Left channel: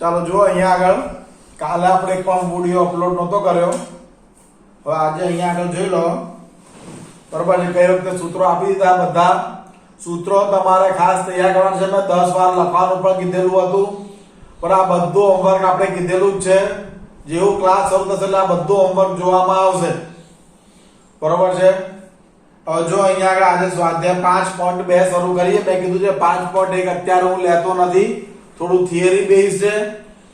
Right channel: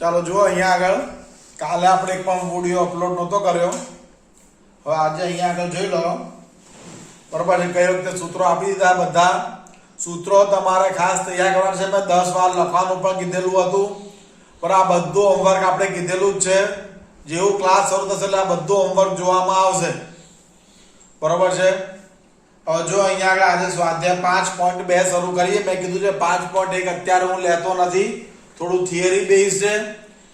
ચાલો જુઓ અહીંયા આગળ કાલે આપણે એક પણ વિડિયો અપલોડ નહોતો કર્યો. હવે આજે અહીંયા આગળ જોઈ લો. બરાબર છે. કઈ રીતે સૂત્રો આપી દીધા. બધા સૂત્રો તમારે ખાસ તૈયાર કરવાના છે. મેં 10 વાર લખવાનું પણ કીધેલું હતું, પણ આ બધું હોમવર્ક આપણે કીધેલું જ છે. જેવું ક્લાસ શરૂ થશે એટલે આ બધું હોમવર્ક જોવામાં આવશે. બરોબર છે. હવે જો અહીંયા આગળ આજે સ્વાધ્યાય 5.2 શરૂ કરીએ. મેં કીધું છે 5.1 અત્યારે હું લેતો નથી, થોડું થિયરી બેઝ છે.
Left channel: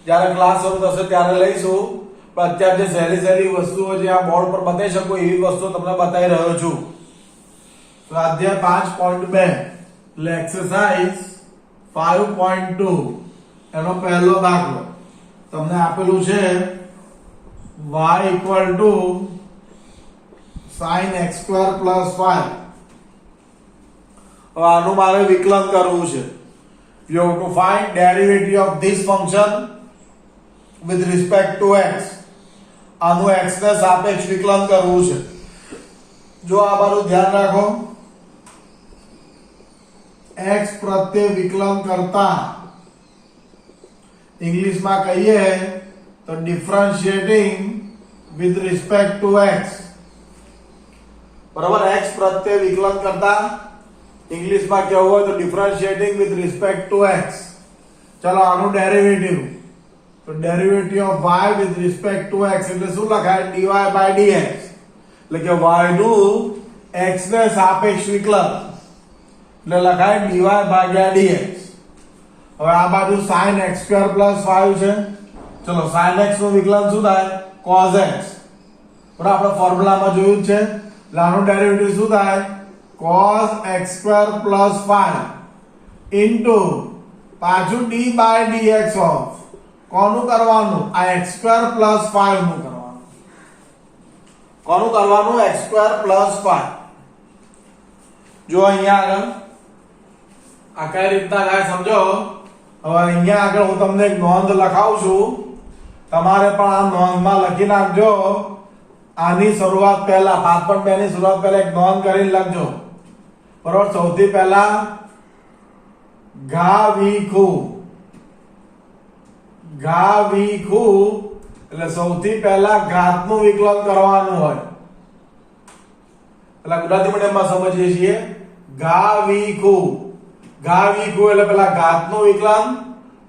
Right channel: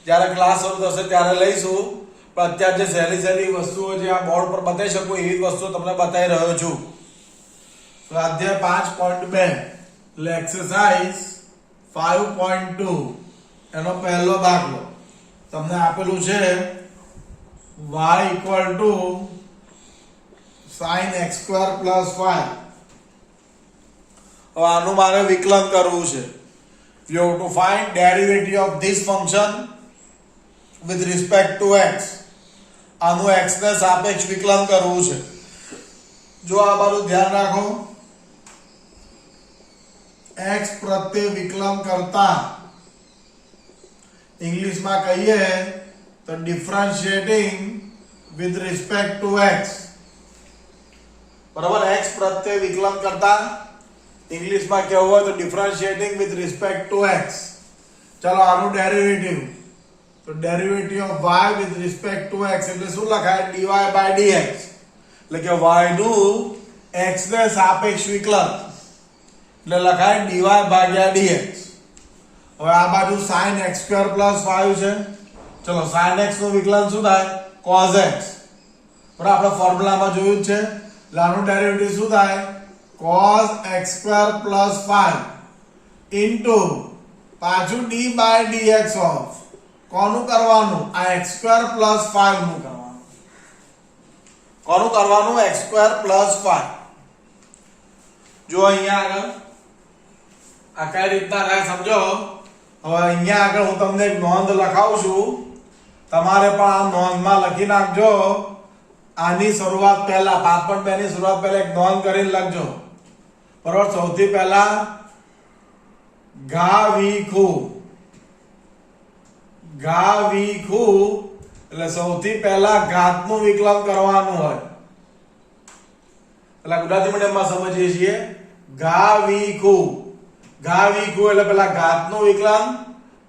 જ્યારે ક્લાસ શરૂ થશે ત્યારે લઈશું, પણ અત્યારે જે સહેલી સહેલી વસ્તુઓ જે આ બોર્ડ પર બતાવી શકું એવી વસ્તુઓ તમને બતાવી રહ્યો છું. સ્વાધ્યાય 5.2 એટલે એક્સરસાઇઝ 5.2 એનો પહેલો દાખલો તમને આપેલું છે y = sin x² + 5. હવે આનું મારે વિકલન કરવું છે. You have to find derivative of this function with respect to x. આનું x ને સાપેક્ષ વિકલન કરવું છે. જો આ બાજુ ધ્યાન રાખો, x પ્રત્યે વિકલન કરતા ઇંગ્લિશમાં કહીએ તો differentiating with respect to x. બરાબર. x પ્રત્યે વિકલન કરતા ઇંગ્લિશમાં કેવું હોય તો differentiating with respect to x. ચલો આનું ડેરિવેટિવ, તો derivative of y with respect to x એટલે શું લખાય? dy/dx. એટલે કે y નું x ને સાપેક્ષ વિકલન એટલે લખાય dy/dx. હવે આ બાજુ sin x² + 5 છે. ચલો sin x નું વિકલન શું થાય? cos x. બરાબર. આપણે ફોર્મ્યુલામાં જોયું છે. એટલે આનું ડેરિવેટિવ શું થાય? cos x² + 5 ઇન્ટુ પાછું d/dx ઓફ કોનું કરવાનું? આ x² + 5 નું કરવાનું. કોનું કરવાનું? x² + 5. જો અહીંયા આગળ આ કઈ રીતના થાય સમજો. હવે અહીંયા આગળ હું તમને એક નોંધ લખાવું છું, તમારે પણ આ નોંધમાં લખી નાખજો. આની શરૂઆત પહેલા 5.2 ની શરૂઆત પહેલા એક નોંધ કરીને લખજો. બરોબર. સૌથી પહેલા ઘા વીખું એટલે સૌથી પહેલા ઘાતનું વિકલન કરવાનું હોય. પેલા ગુજરાતી મીડિયમમાં સમજીએ છીએ. ઘા વીખું એટલે પેલા ઘાતનું વિકલન,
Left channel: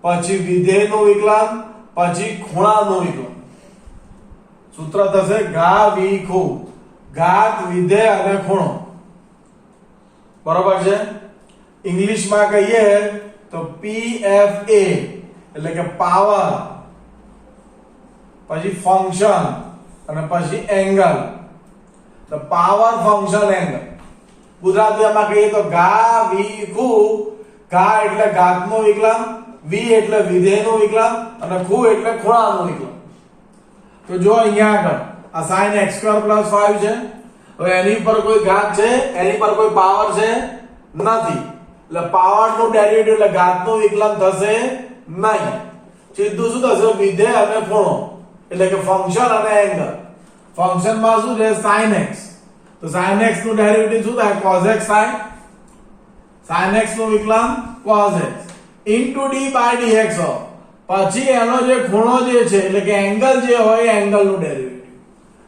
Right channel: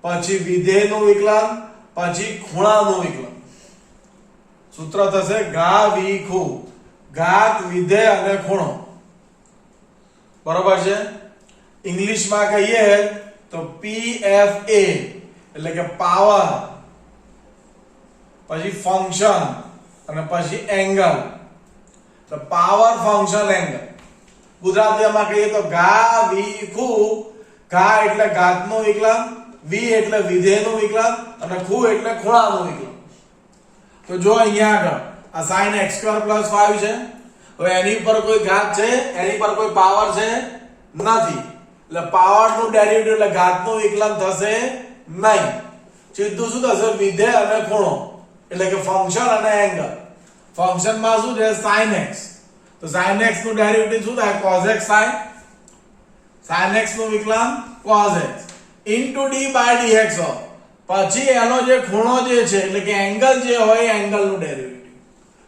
પછી વિધેયનું વિકલન, પછી ખૂણાનું વિકલન. સૂત્ર થશે ઘા વીખું, ઘાત, વિધેય અને ખૂણો. બરોબર છે. ઇંગ્લિશમાં કહીએ તો PFA એટલે કે પાવર, પછી ફંક્શન અને પછી એંગલ. તો પાવર, ફંક્શન, એંગલ. ગુજરાતીમાં કહીએ તો ઘા વીખું. ઘા એટલે ઘાતનું વિકલન, વી એટલે વિધેયનું વિકલન અને ખૂ એટલે ખૂણાનું વિકલન. તો જો અહીંયા આગળ આ sin x² + 5 છે. હવે એની પર કોઈ ઘાત છે? એની પર કોઈ પાવર છે? નથી. એટલે પાવર નું ડેરિવેટિવ એટલે ઘાતનું વિકલન થશે નહીં. સીધું શું થશે? વિધેય અને ખૂણો એટલે કે ફંક્શન અને એંગલ. ફંક્શન માં શું છે? sin x. તો sin x નું ડેરિવેટિવ શું થાય? cos x થાય. sin x નું વિકલન cos x ઇન્ટુ d/dx. પછી એનો જે ખૂણો જે છે એટલે કે એંગલ જે હોય એંગલ નું ડેરિવેટિવ.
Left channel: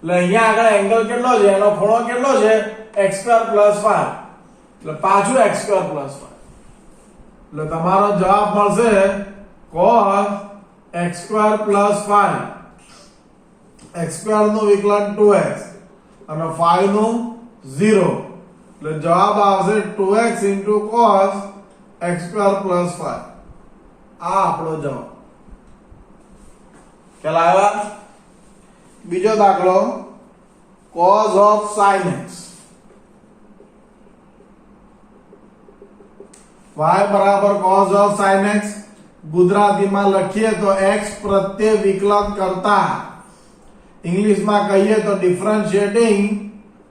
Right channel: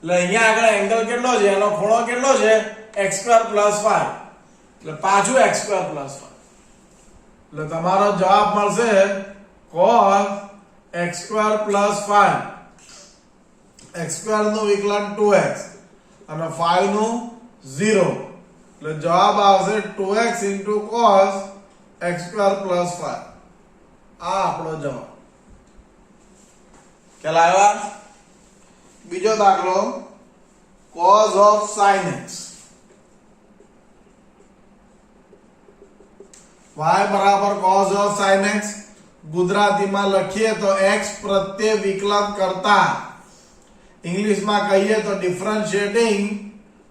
એટલે અહીંયા આગળ એંગલ કેટલો છે? એનો ખૂણો કેટલો છે? x² + 5. એટલે પાછું x² + 5. એટલે તમારો જવાબ મળશે cos x² + 5. x² નું વિકલન 2x અને 5 નું 0. એટલે જવાબ આવશે 2x * cos x² + 5. આ આપણો જવાબ. ખ્યાલ આવ્યા? બીજો દાખલો cos of sin x. y = cos of sin x. ગુજરાતીમાં લખીએ તો x પ્રત્યે વિકલન કરતા ઇંગ્લિશમાં કહીએ તો differentiating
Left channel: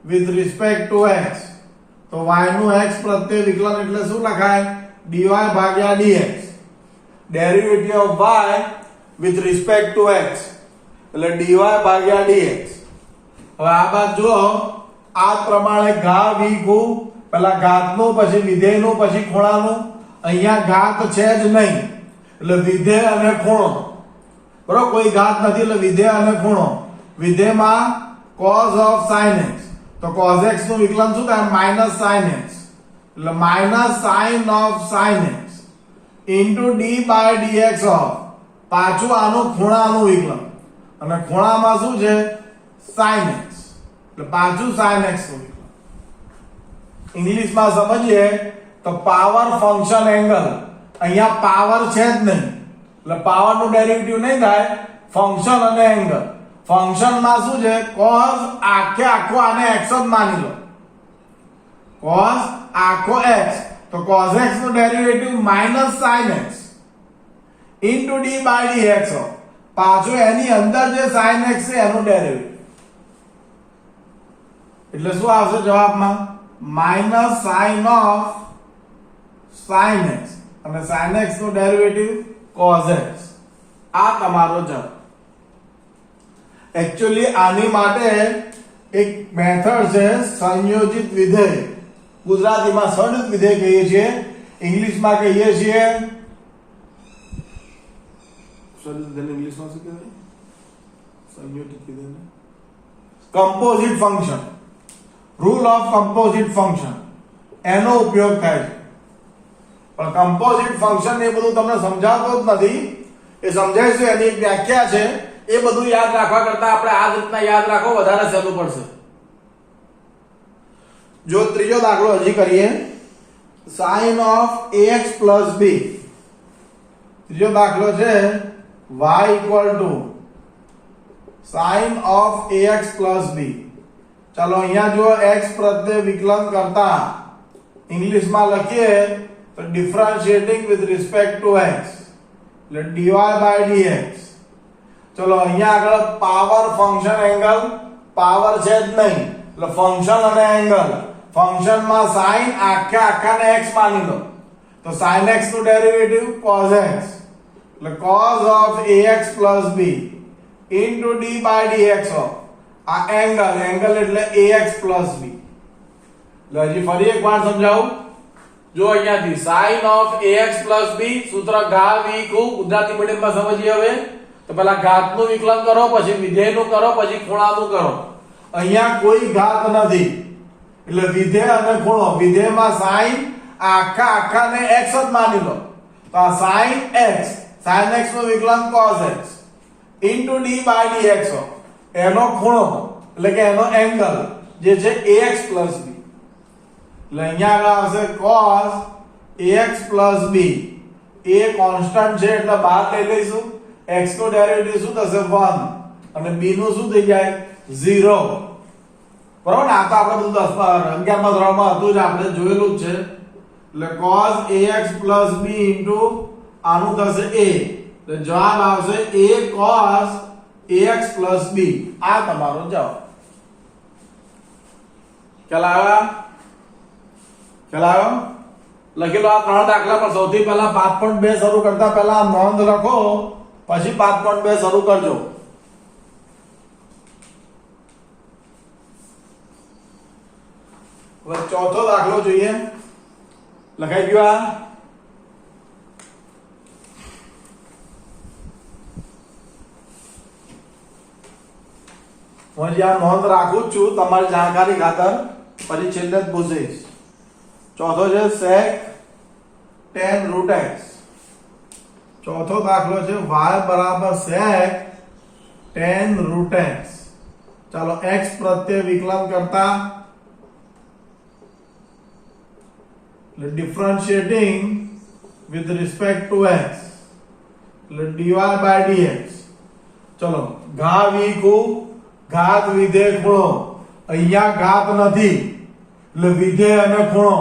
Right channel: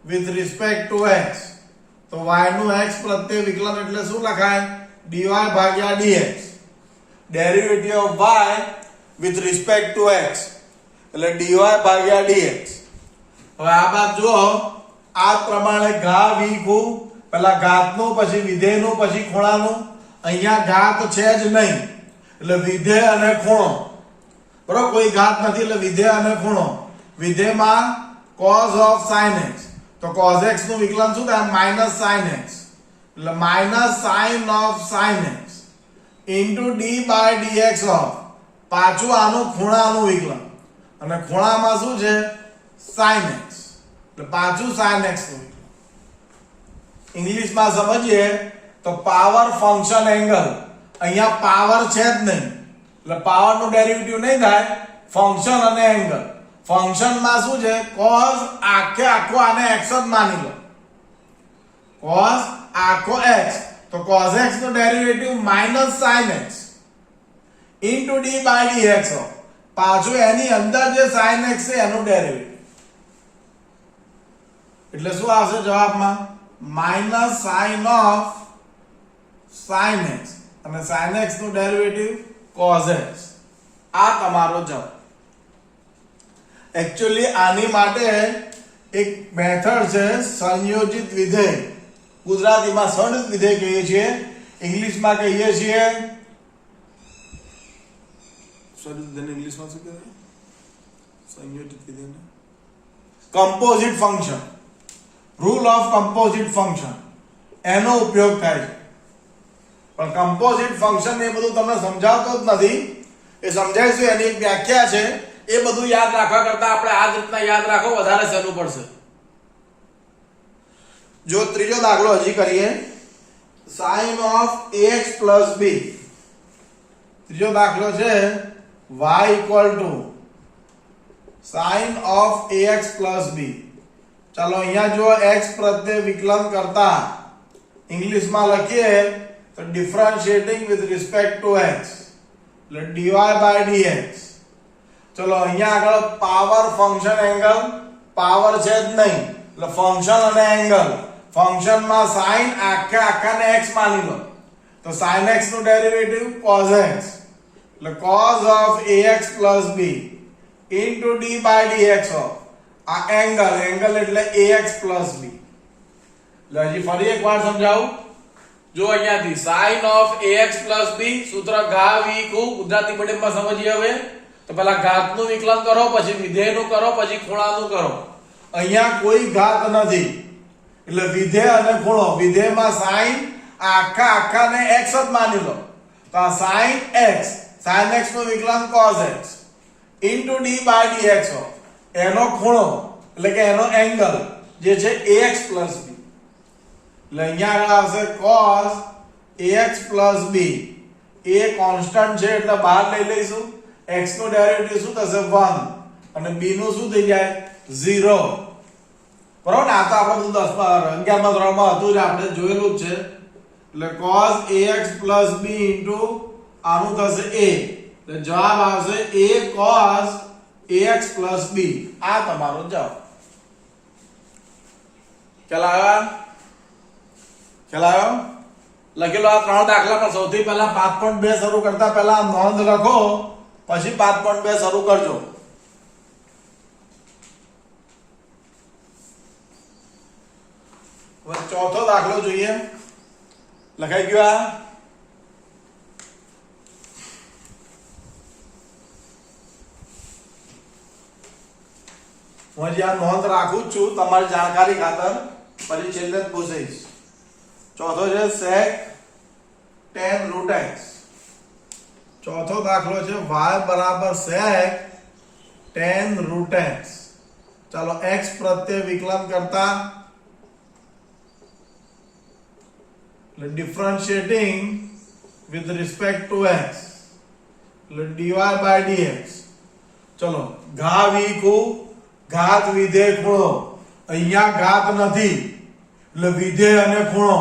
with respect to x. તો y નું x પ્રત્યે વિકલન એટલે શું લખાય? dy/dx. Derivative of y with respect to x એટલે dy/dx. હવે આ બાદ જુઓ, આ પ્રમાણે ઘા વીખું પેલા ઘાતનું, પછી વિધેયનું, પછી ખૂણાનું. અહીંયા ઘાત છે જ નહીં એટલે વિધેય અને ખૂણો, બરોબર, કોઈ ઘાત નથી એટલે વિધેય અને ખૂણો. વિધેયમાં cos of sin x, તો cos x નું વિકલન શું થાય? માઈનસ sin x, એટલે minus sin of sin x into d by dx of, પાછું આનું ખૂણાનું વિકલન, અને ખૂણામાં શું છે? sin x, એટલે પાછું sin x નું વિકલન. ઇંગ્લિશમાં સમજીએ તો પાવર ફંક્શન એંગલ, અહીંયા પાવર છે જ નહીં એટલે પાવર નું ડેરિવેટિવ નહીં થાય, ફંક્શન અને એંગલ. ફંક્શન માં શું છે? cos આખો આને x જ માની લો, cos આખો x, તો cos x નું derivative minus sin x into d by dx of, પાછું એની અંદર જે sin x છે એનું ડેરિવેટિવ, એટલે શું આવશે જવાબમાં? Minus sin of sin x, અને sin x નું ડેરિવેટિવ cos x. આ તમારો જવાબ. एक्चुअली આની માટે એક મેથડ છે સંયોજિત વિધેય, ગુજરાતીમાં સંયોજિત વિધેય કહીએ છીએ, ઇંગ્લિશમાં કહીએ છીએ સંયોજિત વિધેય. ઇંગ્લિશમાં શું કહેવાય? સંયોજિત વિધેય, composite function, rule of composite function, એનો ઉપયોગ થાય છે. પણ કમ્પોઝિટ ફંક્શન એ બધું તમને સમજાવતો જ નથી, એ સમજાઈશું, એની એક વ્યાખ્યા છે. એ બધું યાદ રાખવા કરતા આપણે આ રીતના યાદ રાખો વધારે સહેલું પડશે. જો ત્રીજો દાખલો હજી કરીએ, sin of ax plus b. ત્રીજો દાખલો છે y equal to sin of ax plus b. ચાલો અહીંયા જો x પ્રત્યે વિકલન કરતા ઇંગ્લિશમાં લખીએ તો differentiating with respect to x, એટલે dy by dx. ચલો અહીંયા આગળ પાવર ફંક્શન એંગલ, પાવર છે જ નહીં એટલે ફંક્શન અને એંગલ. ફંક્શનમાં sin આખાને x માની લો, તો sin x નું ડેરિવેટિવ cos x, એટલે cos of ax plus b into d by dx of, આ એંગલ એટલે ax plus b. એટલે હજી ફરી એકવાર સમજાવું, જો અહીંયાથી sin of ax plus b, સૂત્ર ઘા વી ખૂબ, ગુજરાતી મીડિયમમાં સમજીએ. હવે તો પહેલા ઘાતનું વિકલન કરો, પછી વિધેયનું કરો, પછી ખૂણાનું કરો. અહીંયા કોઈ ઘાત નથી એટલે વિધેય અને ખૂણો. વિધેયમાં sin આખાને x જ માની લો, તો આ sin x નું વિકલન cos x into d by dx of, એનો ખૂણો એટલે કે એનો એંગલ જે છે ax plus b. એટલે અહીંયા આગળ આવશે cos ax plus b. એ કોન્સ્ટન્ટ છે એટલે બહાર લઈ લઈશું. x નું ડેરિવેટિવ શું થશે? 1, અને b નું શું થઈ જાય? 0. બરાબર ને? આ તો આપણે બધું 11મા ધોરણમાં હતું જ, આપણે જોયેલું જ છે. એટલે cos ax plus b into આનું થશે a, એટલે જવાબ આવશે a cos ax plus b. આ તમારો જવાબ. ખ્યાલ આવ્યો? લખી લો આ ત્રણ દાખલા. પણ સૌથી પહેલા 5.2 શરૂ કરતા પહેલા નોંધ લખો, પછી 5.2 શરૂ કરજો. હવે ચોથો દાખલો જોઈએ. લખાઈ ગયો? આ હું જ્યાં નોંધ રાખું જ છું તમારી જાણકારી ખાતર, પછી છેલ્લે જ પૂછીશ. ચોથો છે sec tan root x. ચોથો દાખલો છે y બરાબર sec tan root x. ચાલો x પ્રત્યે વિકલન કરતા એટલે ડિફરન્શિએટિંગ વિથ રિસ્પેક્ટ ટુ x, એટલે dy by dx. ચલો ઘા વી ખૂબ, ઘાત વિધેય ખૂણો. અહીંયા ઘાત નથી એટલે વિધેય અને ખૂણો.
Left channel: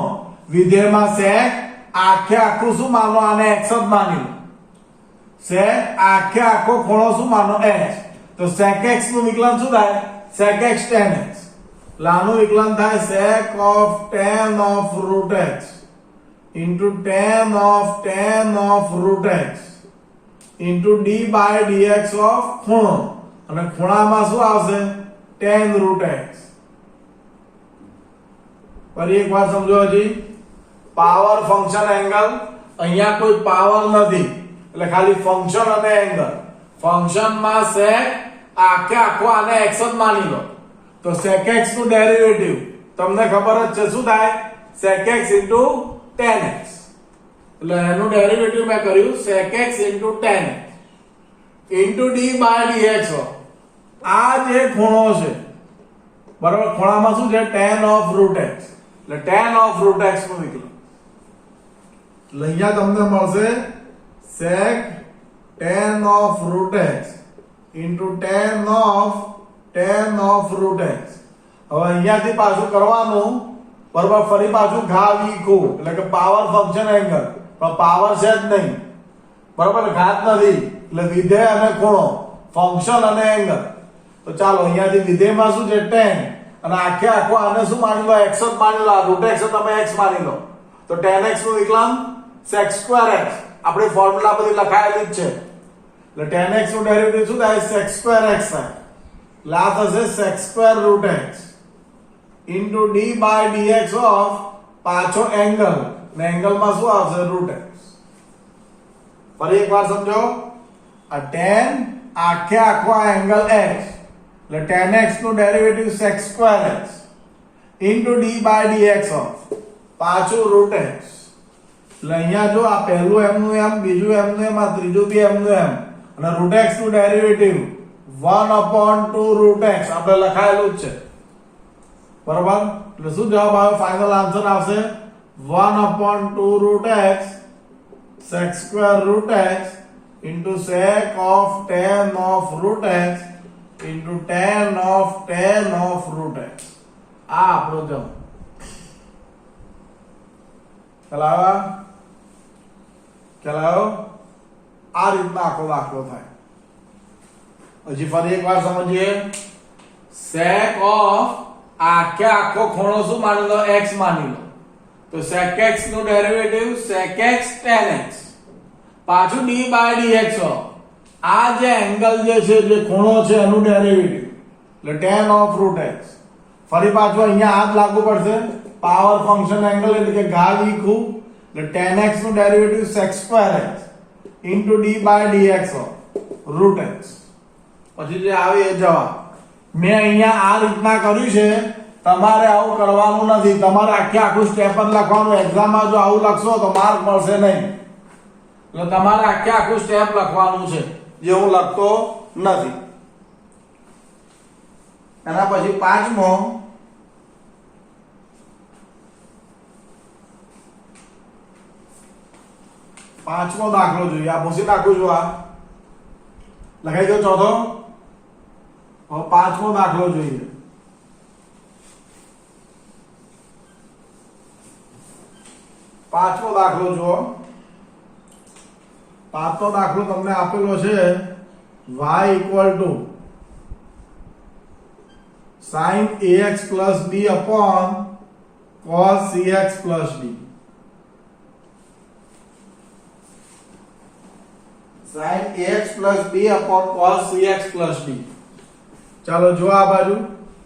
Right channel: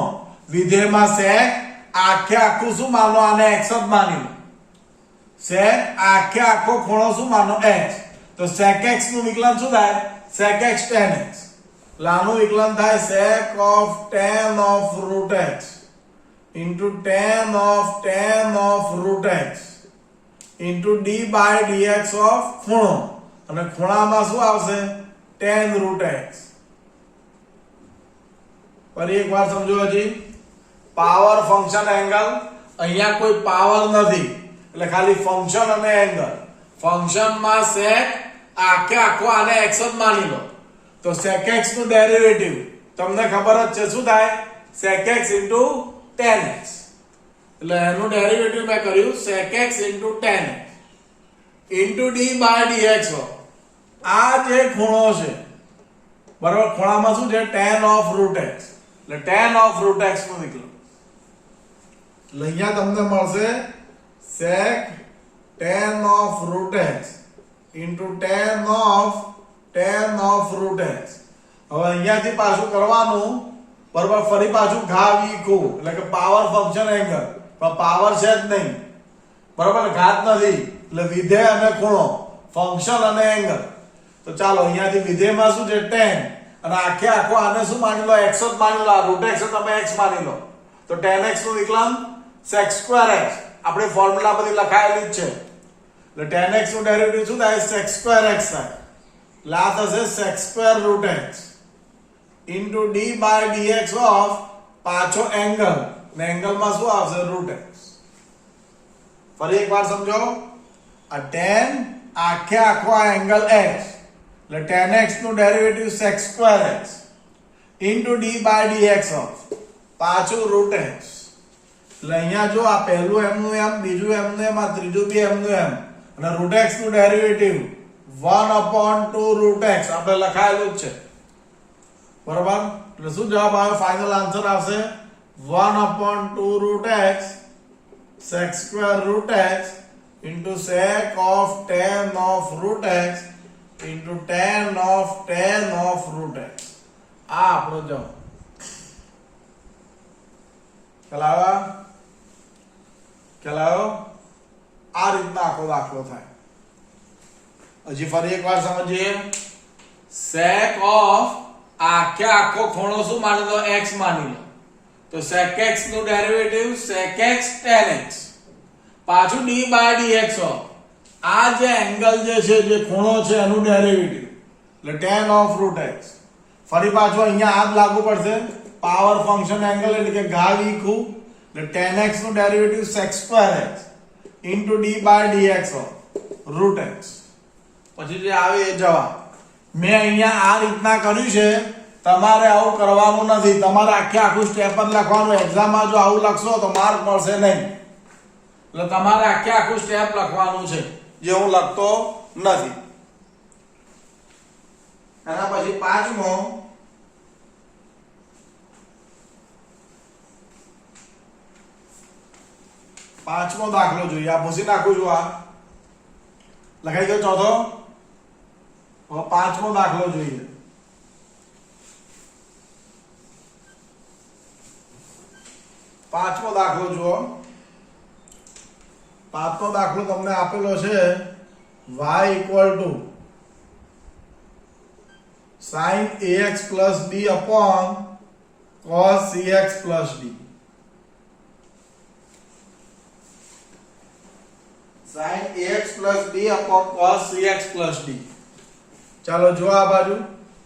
વિધેયમાં sec આખું શું માનો? આને x જ માની લો. sec આખો ખૂણો શું માનો? x. તો sec x નું વિકલન શું થાય? sec x tan x. લાનું વિકલન થાય sec of tan of root x into tan of root x into d by dx of ખૂણો, અને ખૂણામાં શું આવશે? tan root x. ફરી એકવાર સમજો. હજી પાવર ફંક્શન એંગલ, અહીંયા કોઈ પાવર નથી એટલે ખાલી ફંક્શન અને એંગલ. ફંક્શનમાં sec આખે આખો આને x જ માની લો તો sec x નું ડેરિવેટિવ તમને ખબર જ છે શું થાય sec x tan x. એટલે એનું ડેરિવેટિવ મેં કર્યું sec x tan x d/dx. આ જે ખૂણો છે બરાબર, ખૂણામાં શું છે tan of root x, એટલે tan of root x નું વિકલન. એટલે અહીંયા તમને મળશે sec tan of root x tan of root x. હવે અહીંયાથી પાછું કરવાનું બરાબર, ફરી પાછું ઘા વી ખૂ એટલે કે પાવર ફંક્શન એંગલ, પણ પાવર છે જ નહીં બરાબર, ઘાત નથી એટલે વિધેય અને ખૂણો, ફંક્શન અને એંગલ. તો ચાલો અહીંયાથી વિધેયમાં શું છે tan અને આખે આખો આને શું માની લો x જ માની લો, રૂટ x તમે x માની લો તો tan x નું વિકલન sec square x. આપણે ફોર્મ્યુલા બધી લખાયેલી જ છે એટલે tan x નું ડેરિવેટિવ શું થાય sec square x થાય. એટલે આ થશે sec square root x d/dx of પાછો એંગલ ને એંગલમાં શું આવશે root x. ફરી એકવાર સમજો, આ tan આખે આખો આ એંગલ x એટલે tan x નું derivative sec square x d/dx of પાછું root x. એટલે અહીંયા જો આ પહેલું m નું m, બીજું m નું m, આ ત્રીજું બી m નું m અને root x નું ડેરિવેટિવ 1/2 root x આપણે લખાયેલું જ છે બરાબર. એટલે શું જવાબ આવે, ફાઇનલ આન્સર આવશે 1/2 root x sec square root x sec of tan of root x tan of root x. આ આપણો જવાબ. ખ્યાલ આ રીતના આખો દાખલો થાય. હજી ફરી એકવાર સમજીએ, sec of આખે આખો ખૂણો શું માની લો x માની લો તો sec x નું derivative sec x tan x પાછું d/dx of આ જે એંગલ જે છે જે ખૂણો છે એનું ડેરિવેટિવ એટલે tan of root x. ફરી પાછું અહીંયા આ જ લાગુ પડશે પાવર ફંક્શન એંગલ એટલે કે ઘા વી ખૂ એટલે tan x નું derivative sec square x d/dx of root x. પછી જે આવે એ જવાબ. મેં અહીંયા આ રીતના કર્યું છે, તમારે આવું કરવાનું નથી. તમારે આખે આખું સ્ટેપ પર લખવાનું. એક્ઝામમાં જો આવું લખશો તો માર્ક મળશે નહીં. એટલે તમારે આખે આખું સ્ટેપ લખવાનું છે જે હું લખતો નથી. એના પછી પાંચમો દાખલો જોઈએ. આ પૂછી નાખું છું, આ લખાઈ દો. ચોથો પાંચમો દાખલો જોઈએ. પાંચમો દાખલો જુઓ. પાંચમો દાખલો તમને આપેલો છે y = sin ax plus b upon cos cx plus d. sin ax plus b upon cos cx plus d. ચાલો જો આ બાજુ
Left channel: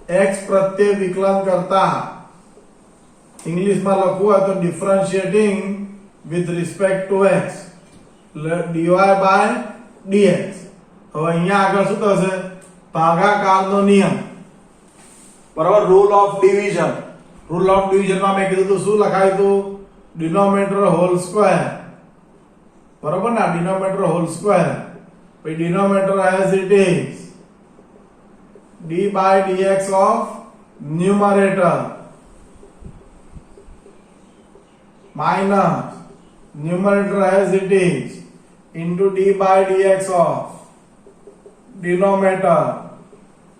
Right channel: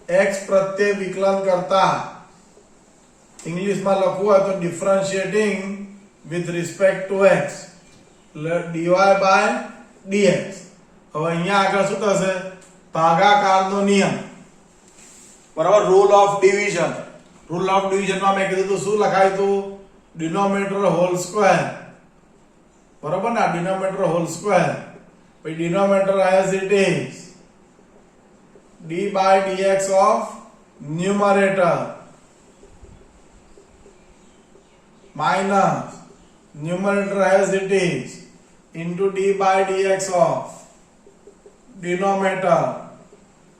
x પ્રત્યે વિકલન કરતા ઇંગ્લિશમાં લખવું હોય તો differentiating with respect to x dy/dx. હવે અહીંયા આગળ શું થશે, ભાગાકારનો નિયમ બરાબર, rule of division. Rule of ડિવિઝનમાં મેં કીધું શું લખાયું હતું, ડિનોમિનેટર હોલ સ્ક્વેર બરાબર ને, ડિનોમિનેટર હોલ સ્ક્વેર પછી denominator as it is d/dx of numerator minus numerator as it is into d/dx of denominator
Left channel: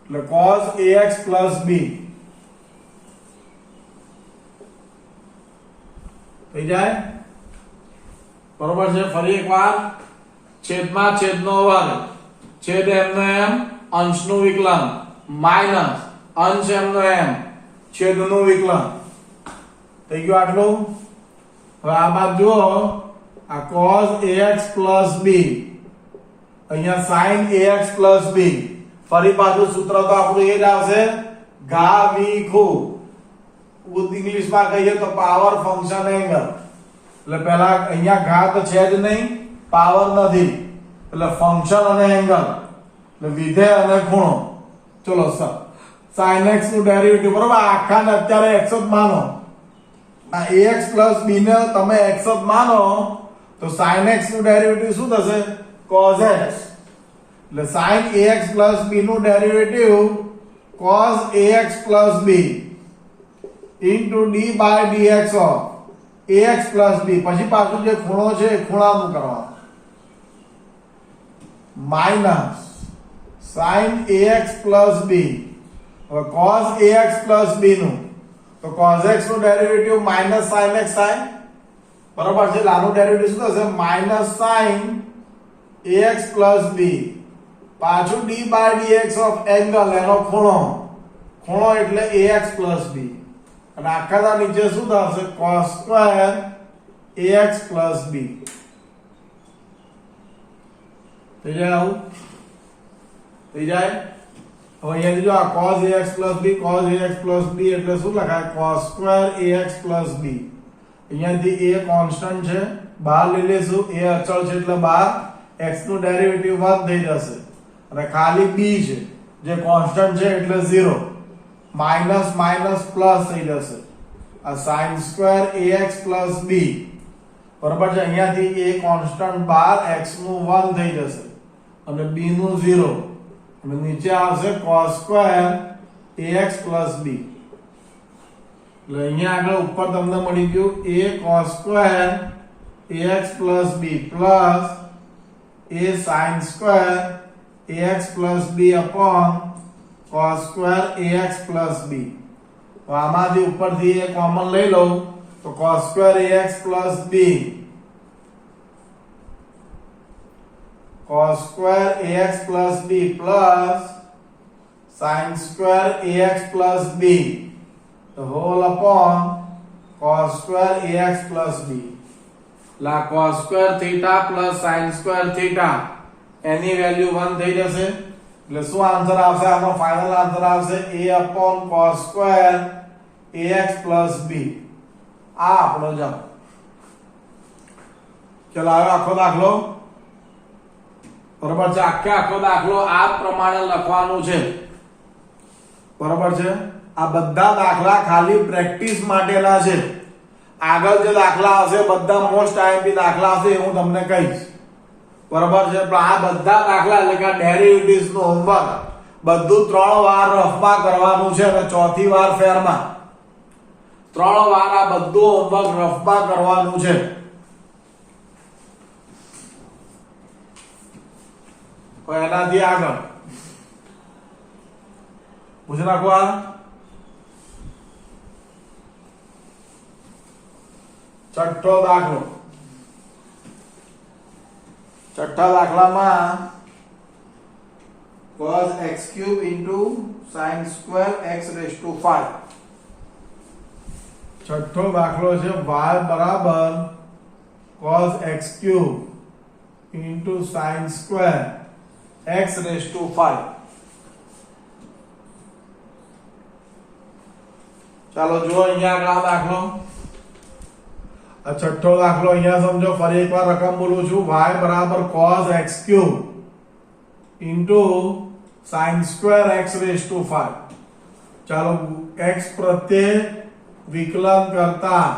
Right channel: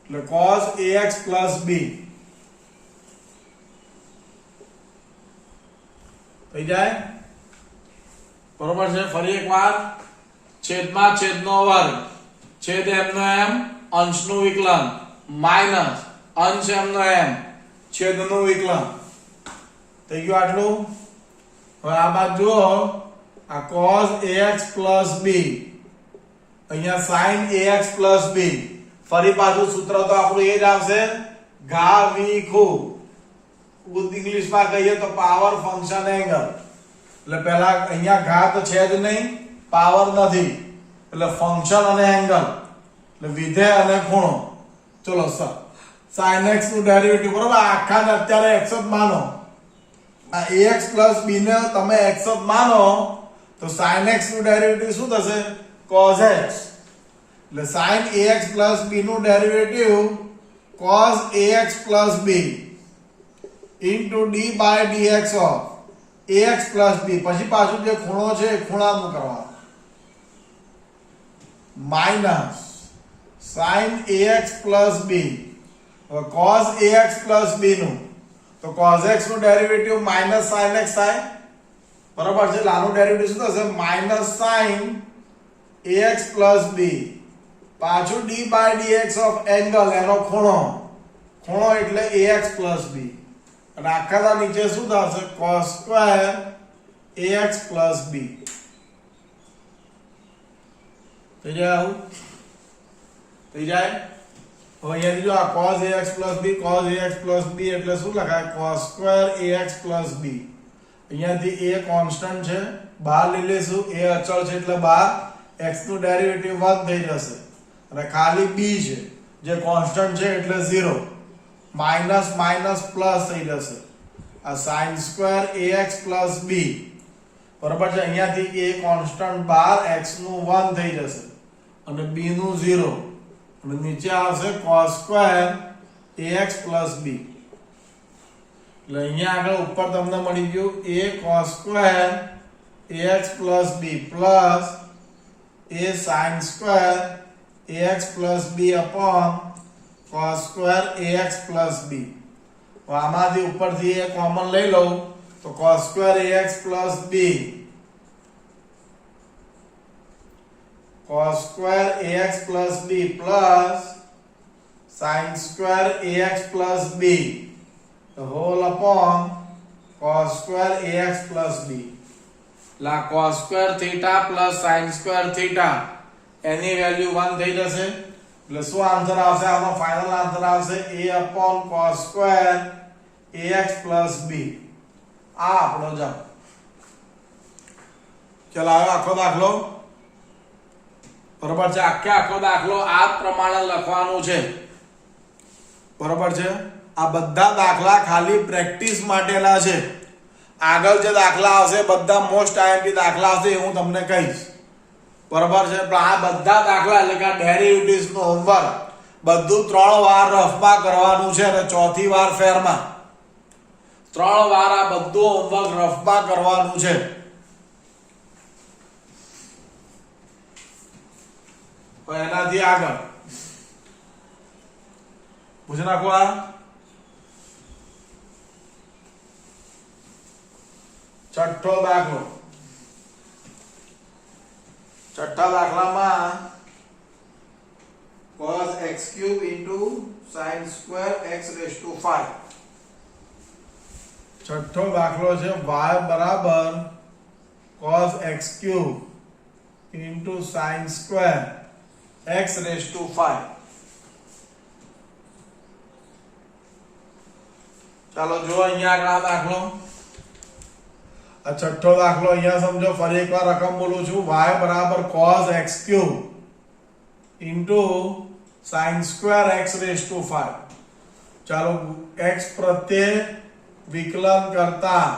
એટલે cos ax plus b થઈ જાય બરોબર છે. ફરી એકવાર, છેદમાં છેદનો વર્ગ છેદ m નો m અંશનું વિકલન માઈનસ અંશ m નો m છેદનું વિકલન થઈ ગયું આટલું. હવે આ બાજુ જુઓ, આ cos ax plus b અહીંયા sin ax plus b. ફરી પાછું સૂત્ર તો આપણું એ જ આવશે ઘા વી ખૂ. ઇંગ્લિશમાં કહીએ તો પાવર ફંક્શન એંગલ. એટલે પહેલા અહીંયા ઘા તો છે જ નહીં પાવર નથી એટલે ફંક્શન અને એંગલ એટલે વિધેય અને ખૂણો. ચલો sin x નું ડેરિવેટિવ બરોબર આખાને અત્યારે x જ માનો. આ ax + b ને તમે x જ માનો તો sin x નું ડેરિવેટિવ શું થશે cos x એટલે sin ax + b નું derivative cos ax + b into d by dx of ax + b પછી પાછું જે ખૂણો છે એ ખૂણાનું કરવાનું માઈનસ sin ax + b હવે cos ax + b નું તો cos x નું ડેરિવેટિવ માઈનસ sin x થાય બરાબર છે એટલે આનું ડેરિવેટિવ શું થશે માઈનસ sin ax + b પાછું d by dx of angle એનો ખૂણો એટલે ax + b અને આખાના નીચે શું થશે cos square ax + b થઈ જાય આવું થઈ જાય. હવે અહીંયા જો આ cos ax + b cos ax + b એટલે શું લખાય cos square ax + b. અહીંયાથી a કોન્સ્ટન્ટ છે બહાર લઈ લેશું a અચળ છે એટલે બહાર x નું ડેરિવેટિવ 1 થઈ જશે અને ખાલી b છે જે કોન્સ્ટન્ટ છે એટલે 0 માઈનસ માઈનસ પ્લસ થઈ જશે આ sin square ax + b બરાબર છે. અહીંયાથી a કોન્સ્ટન્ટ બહાર x નું 1 થઈ જશે અને b નું 0 અને નીચે આવશે cos square ax + b એટલે અહીંયા આગળ ઉપર તમને મળી ગયું a cos square ax + b plus a sin square ax + b upon cos square ax + b. તો આમાંથી ઉપરથી a કોમન લઈ લઉં તો cos square ax + b cos square ax + b plus sin square ax + b the whole upon cos square ax + b. લા cos square theta plus sin square theta એની value 1 થઈ જશે એટલે શું આન્સર આવશે આનો ફાઇનલ આન્સર આવશે a upon cos square ax + b. આ આપણો જવાબ. ચલો હવે આખો દાખલો બરોબર છે આખો દાખલો આ પ્રમાણે લખવાનું છે બરોબર છે. આ બધા દાખલા ખાલી પ્રેક્ટિસ માટેના છે. આગળ જે દાખલા આવશે બધા મોસ્ટ આઈએમપી દાખલા આવશે એ હું તમને કહીશ બરોબર છે. પણ આ બધા દાખલા એટલે કે ડેરિવેટિવ્સ નું હોમવર્ક બધું 3 વાર રફમાં કરવાનું છે અને ચોથી વાર ફેરમાં 3 વાર આ બધું હોમવર્ક રફમાં કરવાનું છે. એનાથી આગળ પૂછી નાખો આ છઠ્ઠો દાખલો. છઠ્ઠા દાખલામાં cos x³ sin square x⁵. છઠ્ઠો દાખલો છે y બરાબર cos x³ sin square x⁵. ચાલો જો અહીંયા આગળ દાખલો આ છઠ્ઠો દાખલો અહીંયા સમજો ફરી એકવાર રકમ બોલું છું y બરાબર cos x³ sin square x⁵. ચાલો x પ્રત્યે વિકલન કરતા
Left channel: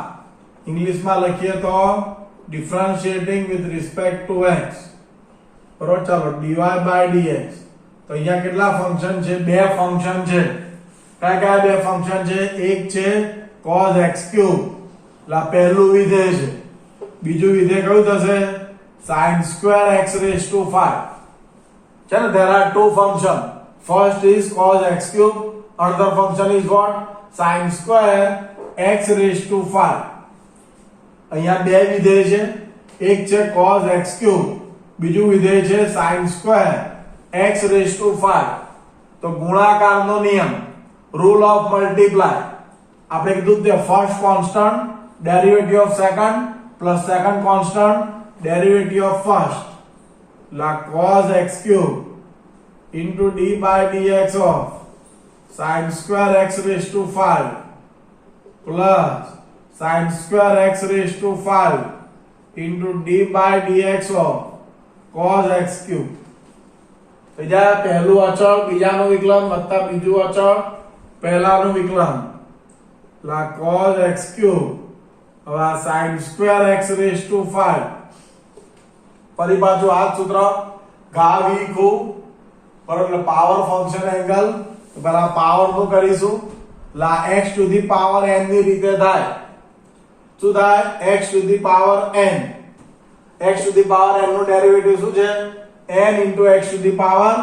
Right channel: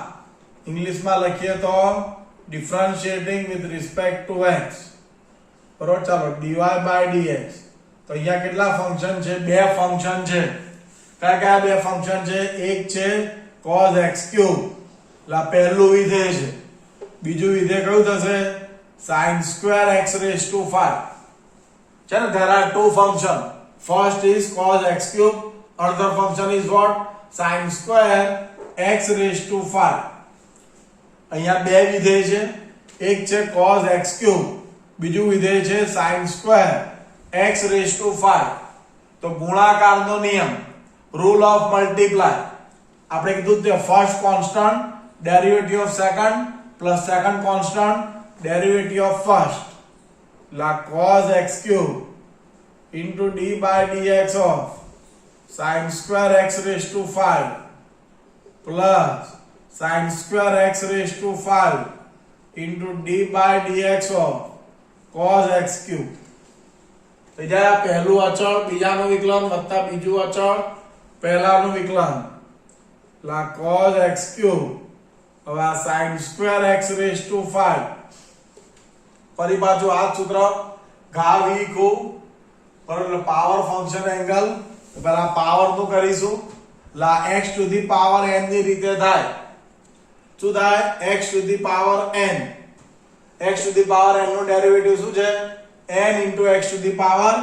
ઇંગ્લિશમાં લખીએ તો differentiating with respect to x બરોબર. ચાલો dy by dx તો અહીંયા કેટલા ફંક્શન છે બે ફંક્શન છે. કયા બે ફંક્શન છે એક છે cos x³ લા પહેલું વિધેય છે બીજું વિધેય કયું થશે sin square x⁵. છે ને there are two function first is cos x³ another function is what sin square x⁵. અહીંયા બે વિધેય છે એક છે cos x³ બીજું વિધેય છે sin square x⁵. તો ગુણાકારનો નિયમ રૂલ ઓફ મલ્ટીપ્લાય આપણે કીધું તે first constant derivative of second plus second constant derivative of first લા cos x³ d by dx of sin square x⁵ plus sin square x⁵ into d by dx of cos x cube થઈ જાય પહેલું અચળ બીજાનું વિકલન વત્તા બીજું અચળ પહેલાનું વિકલન લા cos x cube હવે આ sin square x raised to 5 ફરી પાછું આ જ સૂત્ર ઘા v ખૂબ બરાબર પાવર ફંક્શન એંગલ પેલા પાવર નું કરીશું લા x to the power n ની રીતે થાય શું થાય x to the power n x to the power n નું ડેરિવેટિવ શું છે n into x to the power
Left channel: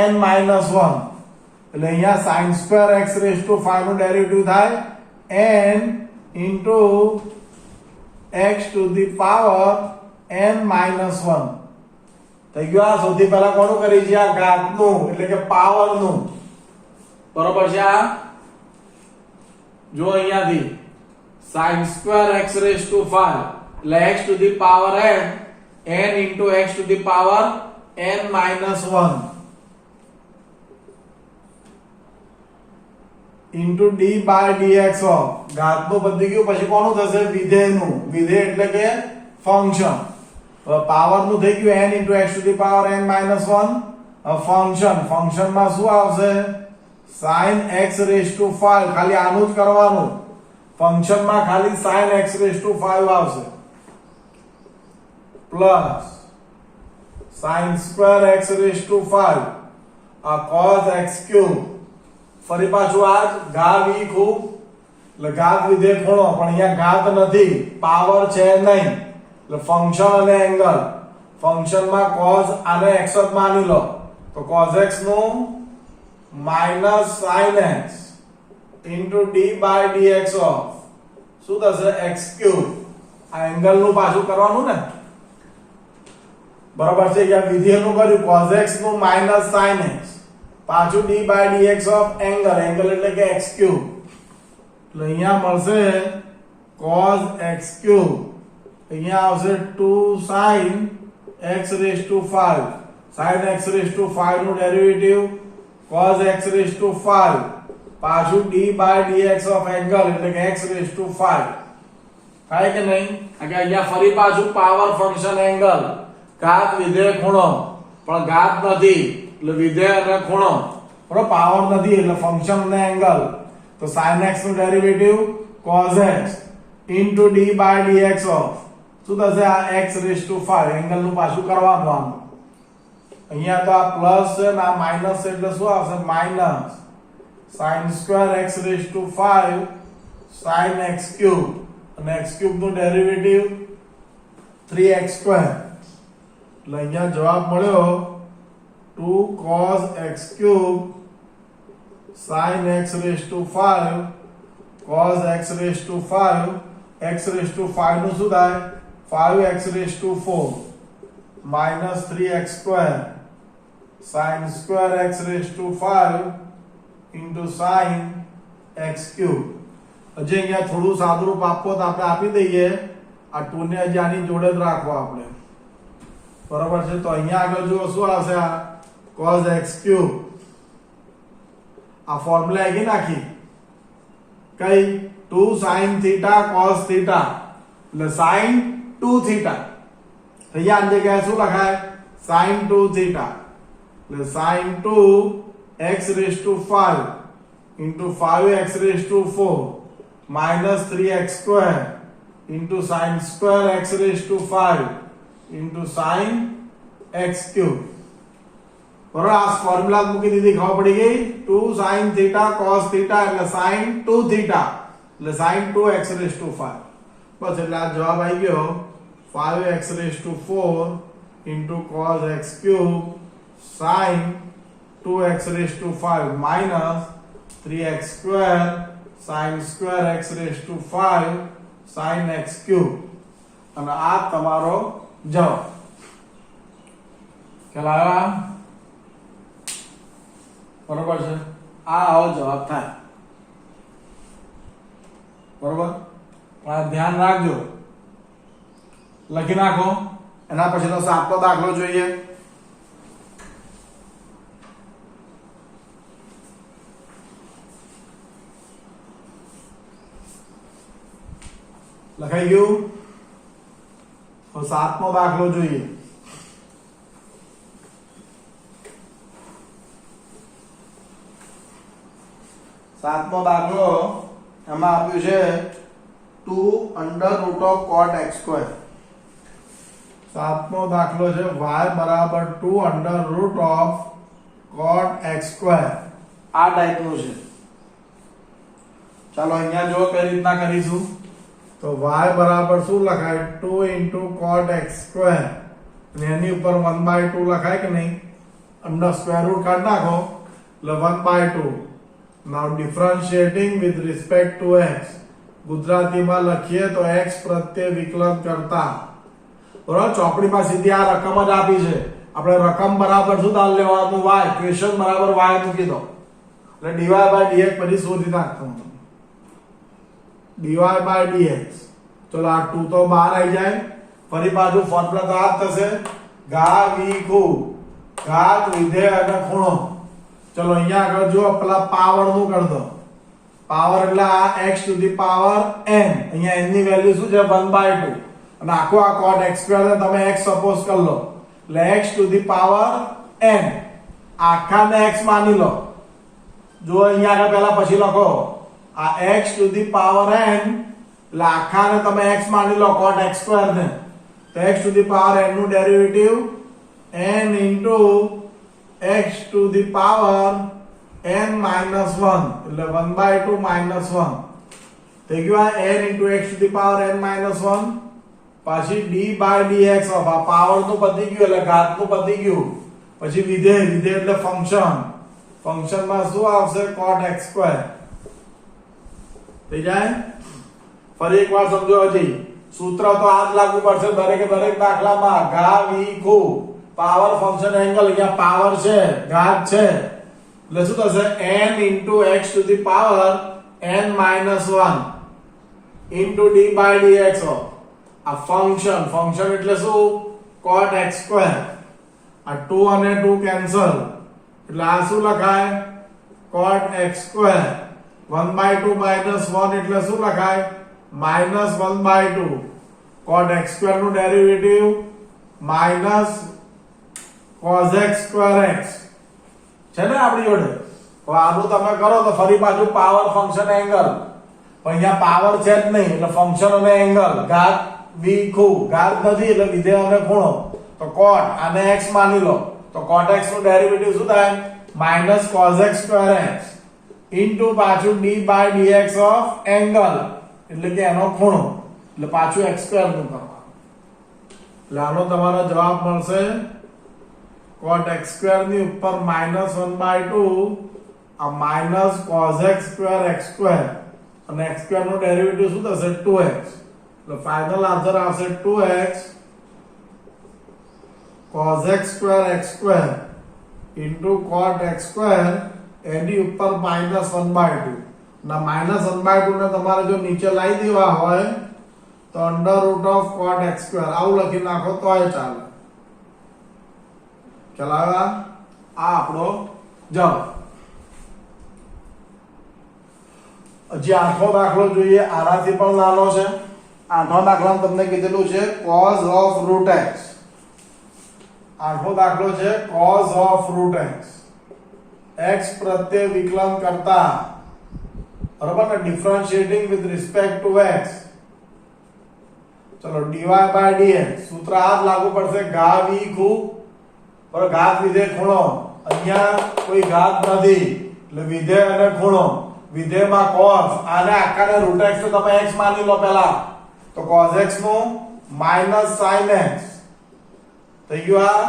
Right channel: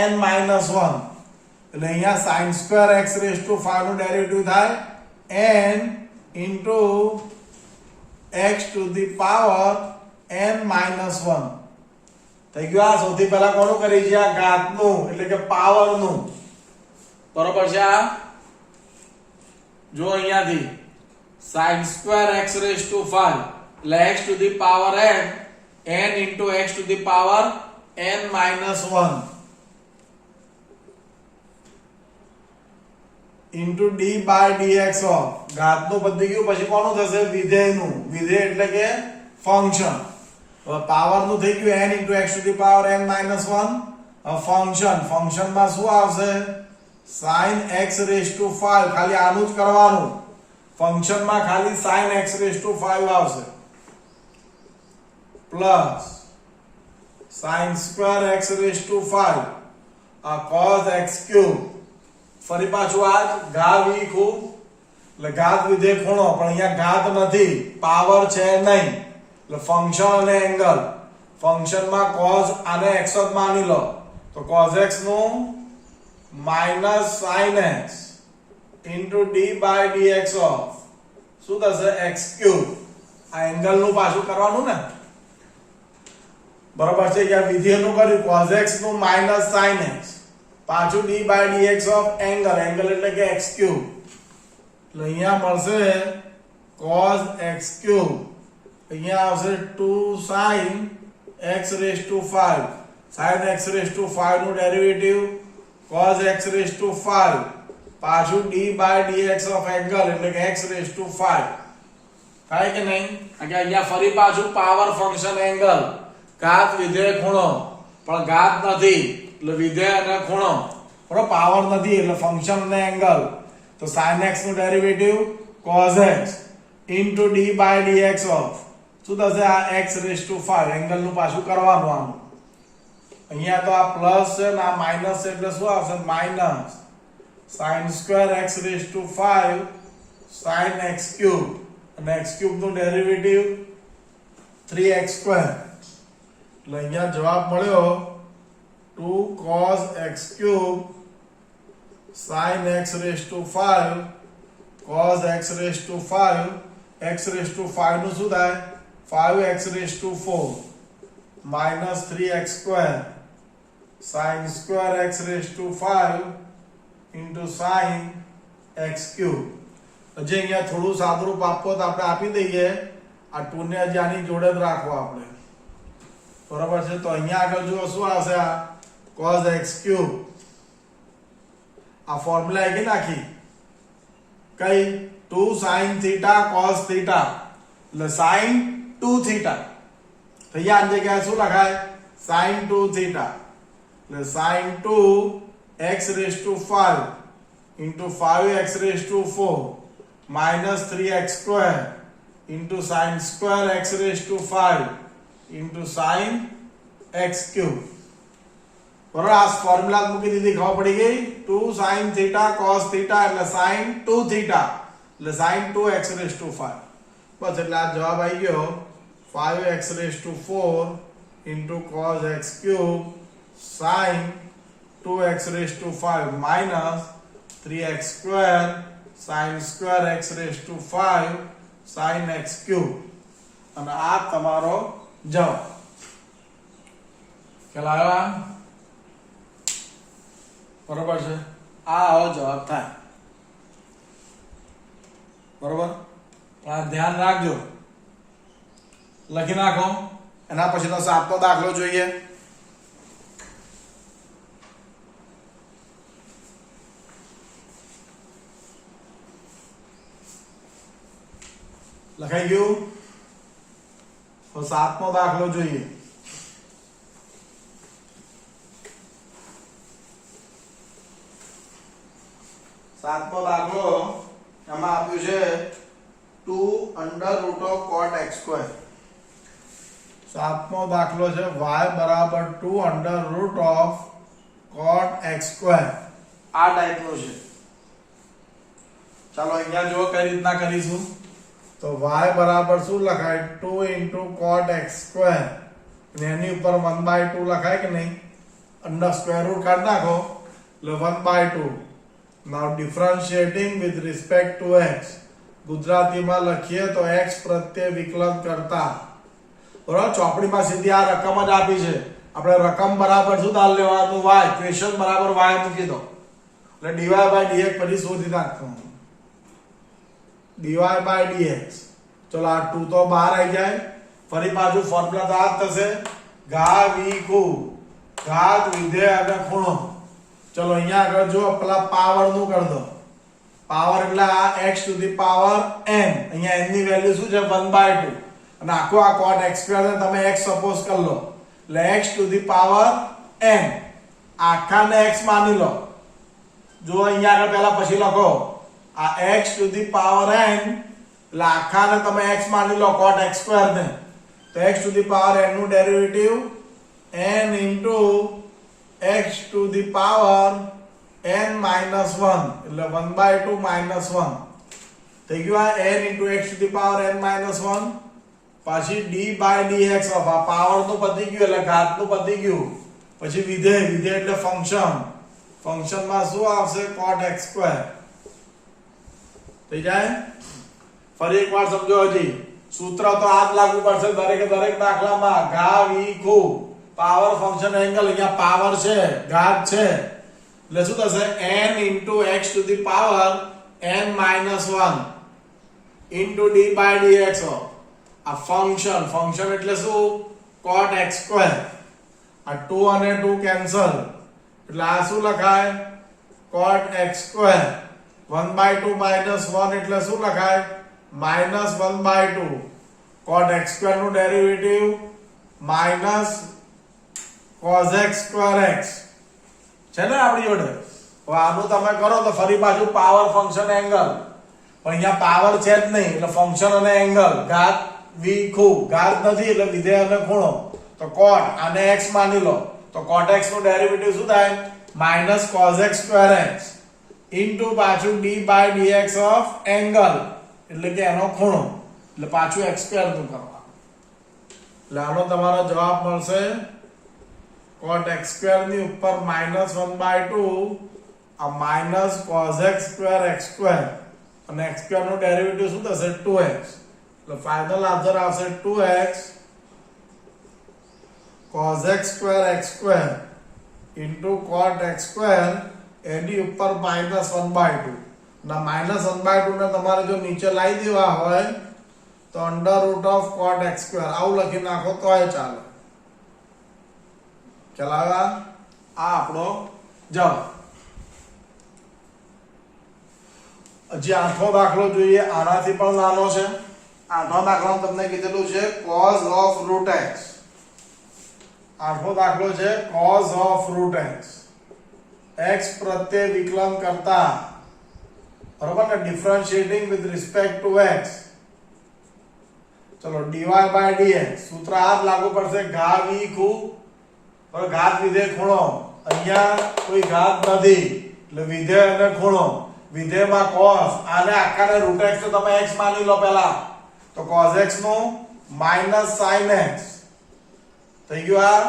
n minus 1 એટલે અહીંયા sin square x raised to 5 નું ડેરિવેટિવ થાય n into x to the power n minus 1 થઈ ગયું આ સૌથી પહેલા કોનું કરી છે આ ઘાતનું એટલે કે પાવરનું બરોબર છે આ જો અહીંયાથી sin square x raised to 5 એટલે x to the power n n into x to the power n minus 1 into d by dx of ઘાતનું પતી ગયું પછી કોનું થશે વિધેયનું વિધેય એટલે કે ફંક્શન હવે પાવરનું થઈ ગયું n into x to the power n minus 1 ફંક્શનમાં શું આવશે sin x raised to 5 ખાલી આનું જ કરવાનું ફંક્શનમાં ખાલી sin x raised to 5 આવશે plus sin square x raised to 5 આ cos x cube ફરી પાછું આ ઘા v ખૂબ એટલે ઘાત વિધેય ખૂણો પણ અહીંયા ઘાત નથી પાવર છે નહીં એટલે ફંક્શન અને એંગલ ફંક્શનમાં cos આને x જ માની લો તો cos x નું minus sin x into d by dx of શું થશે x cube આ એંગલ નું પાછું કરવાનું ને બરાબર છે કે વિધેયનું કર્યું cos x નું minus sin x પાછું d by dx of angle angle એટલે કે x cube એટલે અહીંયા મળશે cos x cube અહીંયા આવશે 2 sin x raised to 5 sin x raised to 5 નું derivative cos x raised to 5 પાછું d by dx of angle એટલે કે x raised to 5 થાય કે નહીં કે અહીંયા ફરી પાછું પાવર ફંક્શન એંગલ ઘાત વિધેય ખૂણો પણ ઘાત નથી એટલે વિધેય અને ખૂણો બરાબર પાવર નથી એટલે ફંક્શન અને એંગલ તો sin x નું derivative cos x into d by dx of શું થશે આ x raised to 5 એંગલ નું પાછું કરવાનું આમ અહીંયા તો આ પ્લસ છે ને આ માઈનસ છે એટલે શું આવશે minus sin square x raised to 5 sin x cube અને x cube નું ડેરિવેટિવ 3x square એટલે અહીંયા જવાબ મળ્યો 2 cos x cube sin x raised to 5 cos x raised to 5 x raised to 5 નું શું થાય 5x raised to 4 minus 3x square sin square x raised to 5 into sin x cube હજી અહીંયા થોડું સાદુરૂપ આપો તો આપણે આપી દઈએ આ 2 ને હજી આની જોડે જ રાખવો આપણે બરાબર છે તો અહીંયા આગળ જુઓ શું આવશે આ cos x cube આ ફોર્મ્યુલા આવી નાખી કઈ 2 sin theta cos theta એટલે sin 2 theta તો અહીંયા આ જગ્યાએ શું લખાય sin 2 theta એટલે sin 2 x raised to 5 into 5x raised to 4 minus 3x square into sin square x raised to 5 into sin x cube બરાબર આ ફોર્મ્યુલા મૂકી દીધી ખબર પડી ગઈ 2 sin theta cos theta એટલે sin 2 theta એટલે sin 2x raised to 5 બસ એટલે આ જવાબ આવી ગયો 5x raised to 4 into cos x cube sin 2x raised to 5 minus 3x square sin square x raised to 5 sin x cube અને આ તમારો જવાબ ચલાવા બરોબર છે આ આવો જવાબ થાય બરોબર આ ધ્યાન રાખજો લખી નાખો એના પછી તો સાતનો દાખલો જોઈએ લખાઈ ગયું તો સાતમો દાખલો જોઈએ. સાતમો દાખલો એમાં આપ્યું છે 2 under root of cot x square. સાતમો દાખલો છે y બરાબર 2 under root of cot x square. આ ટાઈપનું છે. ચાલો અહીંયા જો કઈ રીતના કરીશું તો y બરાબર શું લખાય 2 into cot x square અને એની ઉપર 1/2 લખાય કે નહીં, અંડર સ્ક્વેર રૂટ કાઢી નાખો એટલે 1/2. નાઉ ડિફરન્શિએટિંગ વિથ રિસ્પેક્ટ ટુ x, ગુજરાતીમાં લખીએ તો x પ્રત્યે વિકલન કરતા. બરાબર, ચોપડીમાં સીધી આ રકમ જ આપી છે, આપણે રકમ બરાબર શું તાલ લેવાનું y, ક્વેશ્ચન બરાબર y મૂકી દો એટલે dy by dx પછી શોધી નાખવાનું dy by dx. ચલો આ 2 તો બહાર આવી જાય, ફરી પાછું ફોર્મ્યુલા તો આ જ થશે ઘા વી ખૂ ઘાત વિધેય અને ખૂણો. ચલો અહીંયા આગળ જો પેલા પાવર નું કરી દો, પાવર એટલે આ x to the power n, અહીંયા n ની વેલ્યુ શું છે 1/2 અને આખો આ cot x સ્ક્વેર ને તમે x સપોઝ કરી લો એટલે x to the power n, આખાને x માની લો. જો અહીંયા આગળ પહેલા પછી લખો આ x to the power n એટલે આખાને તમે x માની લો cot x સ્ક્વેર ને, તો x to the power n નું derivative n into x to the power n minus 1 એટલે 1/2 minus 1 થઈ ગયું. આ n into x to the power n minus 1 પછી d by dx ઓફ આ પાવર નું પતી ગયું એટલે ઘાત નું પતી ગયું, પછી વિધેય, વિધેય એટલે ફંક્શન, ફંક્શન માં શું આવશે cot x square થઈ જાય. ફરી એકવાર સમજો, હજી સૂત્ર તો આ જ લાગુ પડશે દરેકે દરેક દાખલામાં. ઘા વી ખૂ પાવર ફંક્શન એંગલ, અહીંયા પાવર છે ઘાત છે એટલે શું થશે n into x to the power n minus 1 into d by dx of આ ફંક્શન, ફંક્શન એટલે શું cot x square. આ 2 અને 2 કેન્સલ એટલે આ શું લખાય cot x square. 1/2 minus 1 એટલે શું લખાય minus 1/2. cot x square નું derivative minus cos x square x છે ને આપણી જોડે. હવે આનું તમે કરો તો ફરી પાછું પાવર ફંક્શન એંગલ, પણ અહીંયા પાવર છે જ નહીં એટલે ફંક્શન અને એંગલ, ઘાત વી ખૂ ઘાત નથી એટલે વિધેય અને ખૂણો, તો cot આને x માની લો તો cot x નું ડેરિવેટિવ શું થાય minus cos x square x into પાછું d by dx of angle એટલે કે એનો ખૂણો, એટલે પાછું x સ્ક્વેર નું કરવાનું એટલે આનો તમારો જવાબ મળશે cot x square ની ઉપર minus 1/2 આ minus cos x square x square અને x square નો ડેરિવેટિવ શું થશે 2x એટલે ફાઇનલ આન્સર આવશે 2x cos x square x square into cot x square એની ઉપર minus 1/2 ના minus 1/2 ને તમારે જો નીચે લાવી દેવા હોય તો under root of cot x square આવું લખી નાખો તોય ચાલે. ચલાવા આ આપણો જવાબ. હજી આઠમો દાખલો જોઈએ, આનાથી પણ નાનો છે. આઠમો દાખલો તમને કીધેલું છે cos of root x. આઠમો દાખલો છે cos of root x, x પ્રત્યે વિકલન કરતા. બરાબર ને, ડિફરન્શિએટિંગ વિથ રિસ્પેક્ટ ટુ x. ચલો dy by dx સૂત્ર આ જ લાગુ પડશે ઘા વી ખૂ પર ઘાત વિધેય ખૂણો. અહીંયા કોઈ ઘાત નથી એટલે વિધેય અને ખૂણો, વિધેયમાં cos આને આખાને root x તો તમે x માની લો પહેલા તો cos x નું minus sin x થઈ ગયું. આ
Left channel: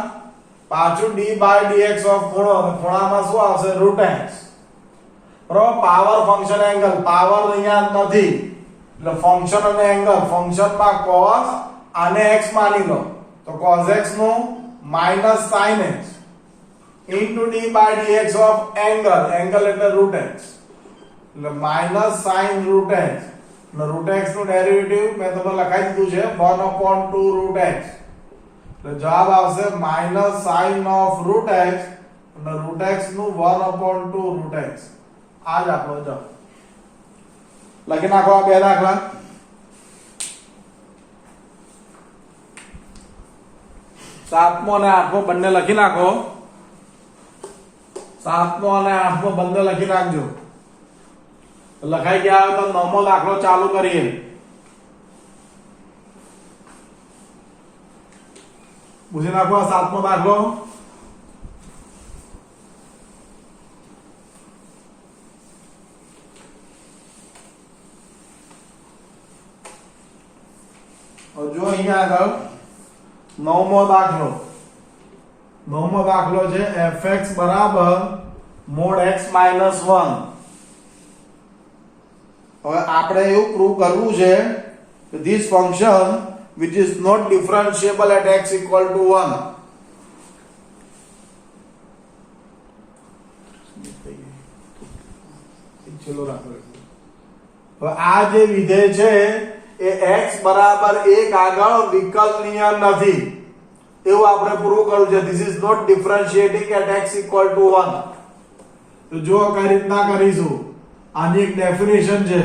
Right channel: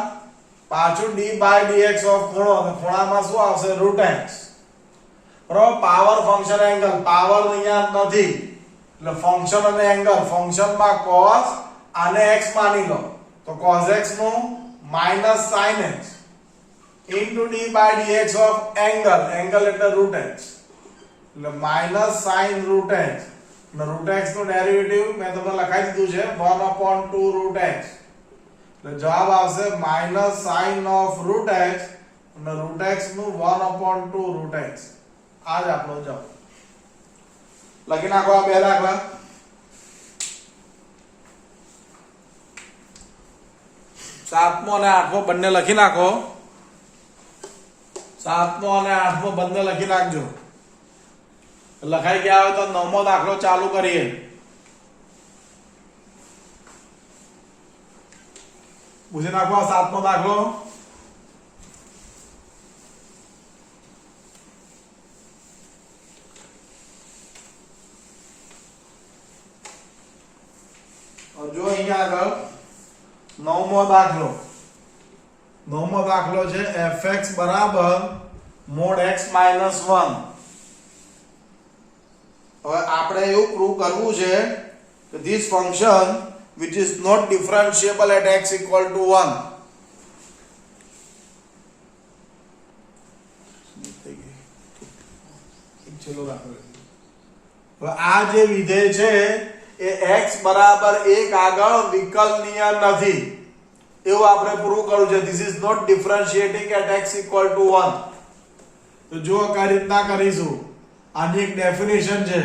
પાછું d by dx of ખૂણો, અને ખૂણામાં શું આવશે root x. બરાબર, પાવર ફંક્શન એંગલ, પાવર અહીંયા નથી એટલે ફંક્શન અને એંગલ, ફંક્શનમાં cos આને x માની લો તો cos x નું minus sin x into d by dx of angle, angle એટલે root x એટલે minus sin root x અને root x નું ડેરિવેટિવ મેં તમને લખાઈ દીધું છે 1/2 root x એટલે જવાબ આવશે minus sin of root x અને root x નું 1/2 root x. આ જ આપણો જવાબ. લખી નાખો આ બે દાખલા. 7મો અને 8મો બંને લખી નાખો. 7મો અને 8મો બંને લખી નાખજો. લખાઈ ગયા હોય તો 9મો દાખલો ચાલુ કરીએ. પૂછી નાખો 7મો દાખલો. જો અહીંયા આગળ 9મો દાખલો. 9મો દાખલો છે fx બરાબર mod x minus 1. હવે આપણે એવું પ્રૂવ કરવું છે કે this function which is not differentiable at x equal to 1. ચલો રાખો. હવે આ જે વિધેય છે એ x બરાબર 1 આગળ વિકલનીય નથી એવું આપણે પ્રૂવ કરવું છે. this is not differentiating at x equal to 1. તો જો કઈ રીતના કરીશું, આની એક ડેફિનેશન છે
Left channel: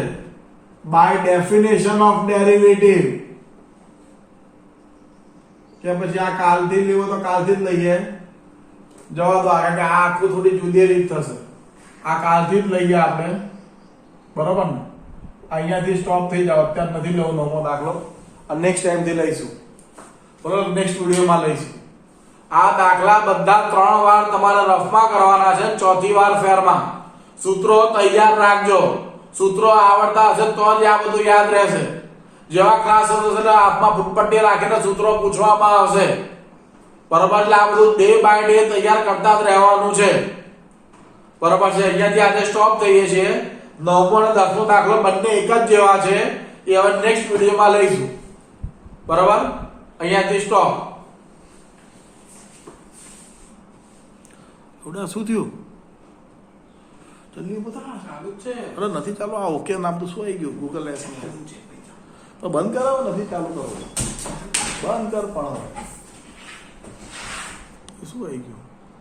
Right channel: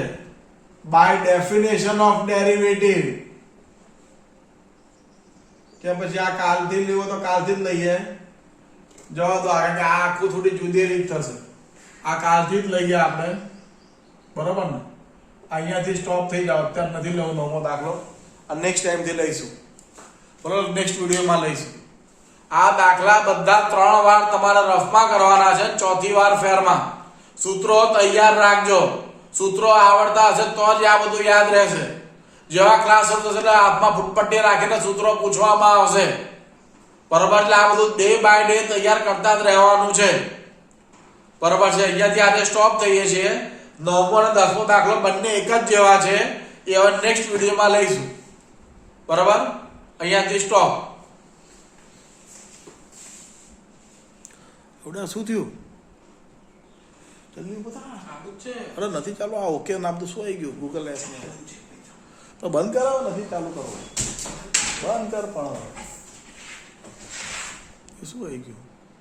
by definition of derivative, કે પછી આ કાલથી લેવો તો કાલથી જ લઈએ, જવા દો કારણ કે આ આખું થોડી જુદી રીત થશે. આ કાલથી જ લઈએ આપણે, બરોબર ને? અહીંયાથી સ્ટોપ થઈ જાવ, અત્યારે નથી લેવો 9મો દાખલો, અને નેક્સ્ટ ટાઈમ થી લઈશું, બરોબર? નેક્સ્ટ વિડિયોમાં લઈશું. આ દાખલા બધા 3 વાર તમારે રફમાં કરવાના છે, ચોથી વાર ફેરમાં. સૂત્રો તૈયાર રાખજો. સૂત્રો આવડતા હશે તો જ આ બધું યાદ રહેશે. જેવા ક્લાસ હશે એટલે હાથમાં ફૂટપટ્ટી રાખીને સૂત્રો પૂછવામાં આવશે, બરોબર? એટલે આ બધું ડે બાય ડે તૈયાર કરતા જ રહેવાનું છે, બરોબર છે? અહીંયાથી આજે સ્ટોપ થઈએ છીએ. 9મો અને 10મો દાખલો બંને એક જ જેવા છે, એ હવે નેક્સ્ટ વિડિયોમાં લઈશું, બરોબર? અહીંયાથી સ્ટોપ. ઓડા શું થયું? જલ્દી બતા. ચાલુ છે. અરે નથી ચાલુ. આ ઓકે નામ તો શું આવી ગયું ગૂગલ એપ ને? તો બંધ કરાવો, નથી ચાલુ કરો. બંધ કર પણ શું આવી ગયું?